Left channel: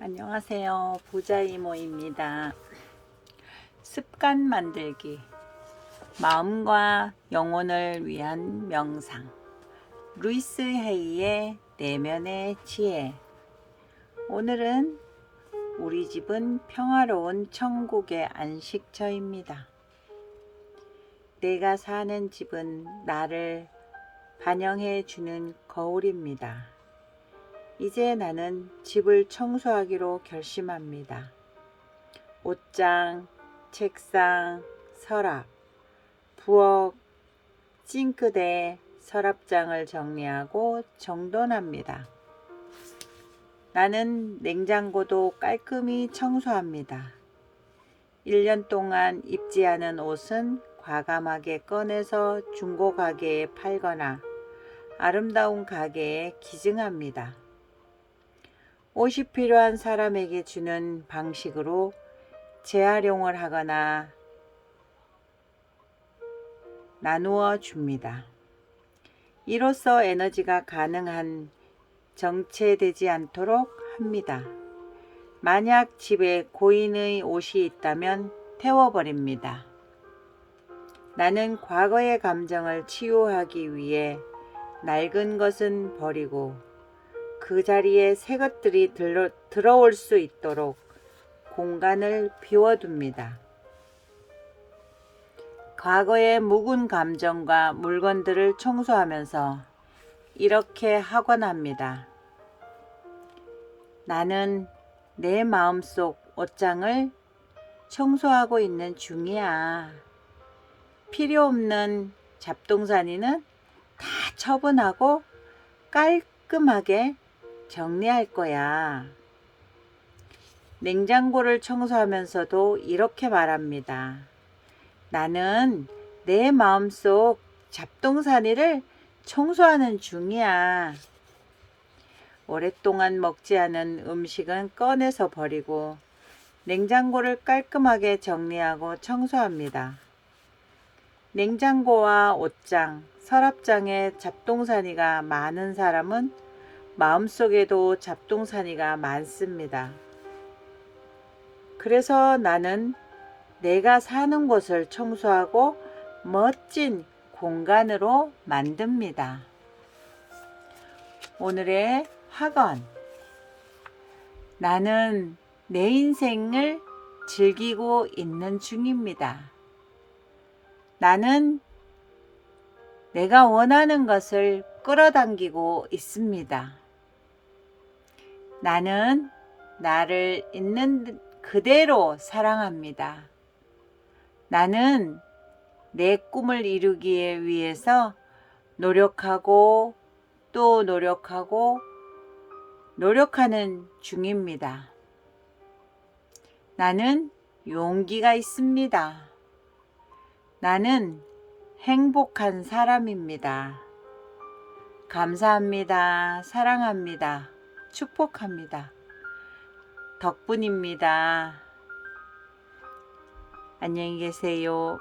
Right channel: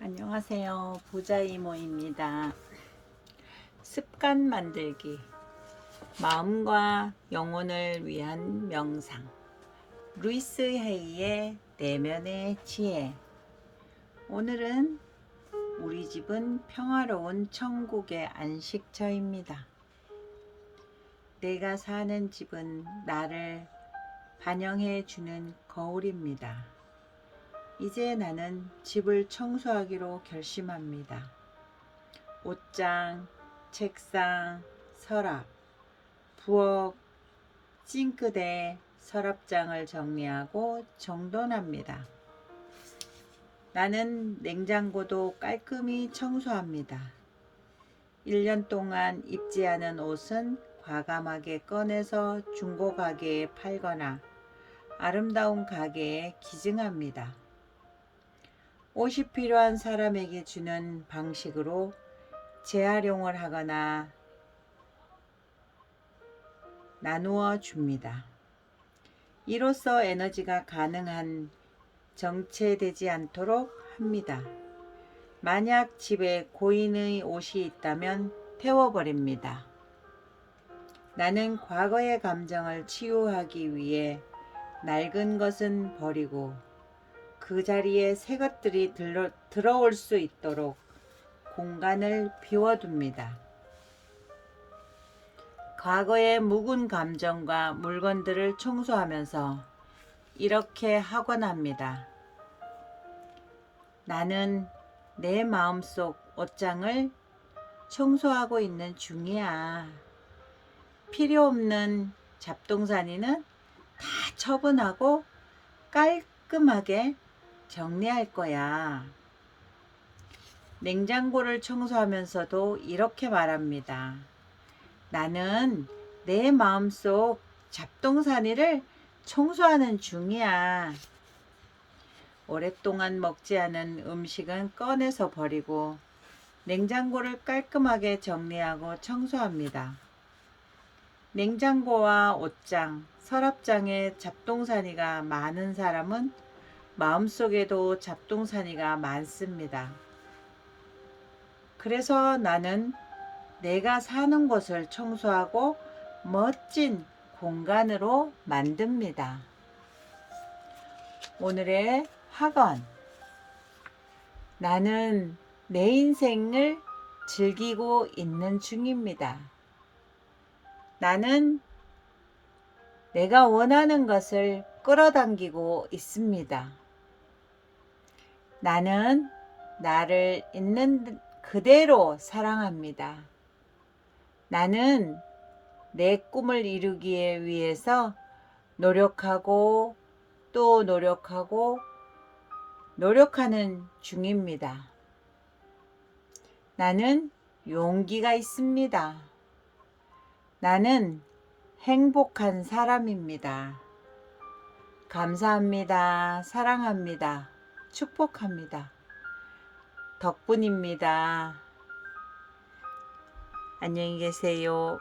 안녕하세요. 부자이모입니다. 습관 만들기. 마음과 영혼을 위한 명상. 루이스 헤이의 내면의 지혜. 오늘은 우리 집은 평화로운 천국의 안식처입니다. 내가 사는 집은 나를 반영해 주는 거울입니다. 이제 나는 집을 청소하기로 결심합니다. 옷장, 책상, 서랍, 부엌, 싱크대, 서랍장을 정리하고 정돈합니다. 나는 냉장고도 깔끔히 청소합니다. 1년 동안 입지 않은 옷은 과감하게 꺼내서 중고 가게에 팔거나 아름다운 가게에 기증합니다. 옷이 필요한 사람에게 주는 방식으로 재활용을 하거나 나누어 줍니다. 이로써 에너지가 가능한 정체되지 않도록 합니다. 만약 집에 고인의 옷이 있다면 태워버립니다. 나는 과거의 감정을 치유하기 위해 낡은 것은 버리고 그 자리에 새 것들이 들어, 들어올 수 있도록 공간을 비워둡니다. 과거의 묵은 감정과 물건들을 청소하면서 이렇게 하곤 합니다. 나는 내 마음속 옷장을 청소하고 있는 중이야. 필요 없는 잡동사니는 다 처분하고 깔끔하게 정리할 거야. 냉장고를 청소하면서도 이렇게 말합니다. 나는 내 마음속 잡동사니를 청소하는 중이야. 오랫동안 먹지 않은 음식은 꺼내서 버리고 냉장고를 깔끔하게 정리하고 청소합니다. 냉장고와 옷장, 서랍장에 잡동사니가 많은 사람은 마음속에도 잡동사니가 많습니다. 그래서 나는 내가 사는 곳을 청소하고 멋진 공간으로 만듭니다. 오늘의 학원. 나는 내 인생을 즐기고 있는 중입니다. 나는 내가 원하는 것을 끌어당기고 있습니다. 나는 나를 있는 그대로 사랑합니다. 나는 내 꿈을 이루기 위해서 노력하고 또 노력하고 노력하는 중입니다. 나는 용기가 있습니다. 나는 행복한 사람입니다. 감사합니다. 사랑합니다. 축복합니다. 덕분입니다. 안녕히 계세요.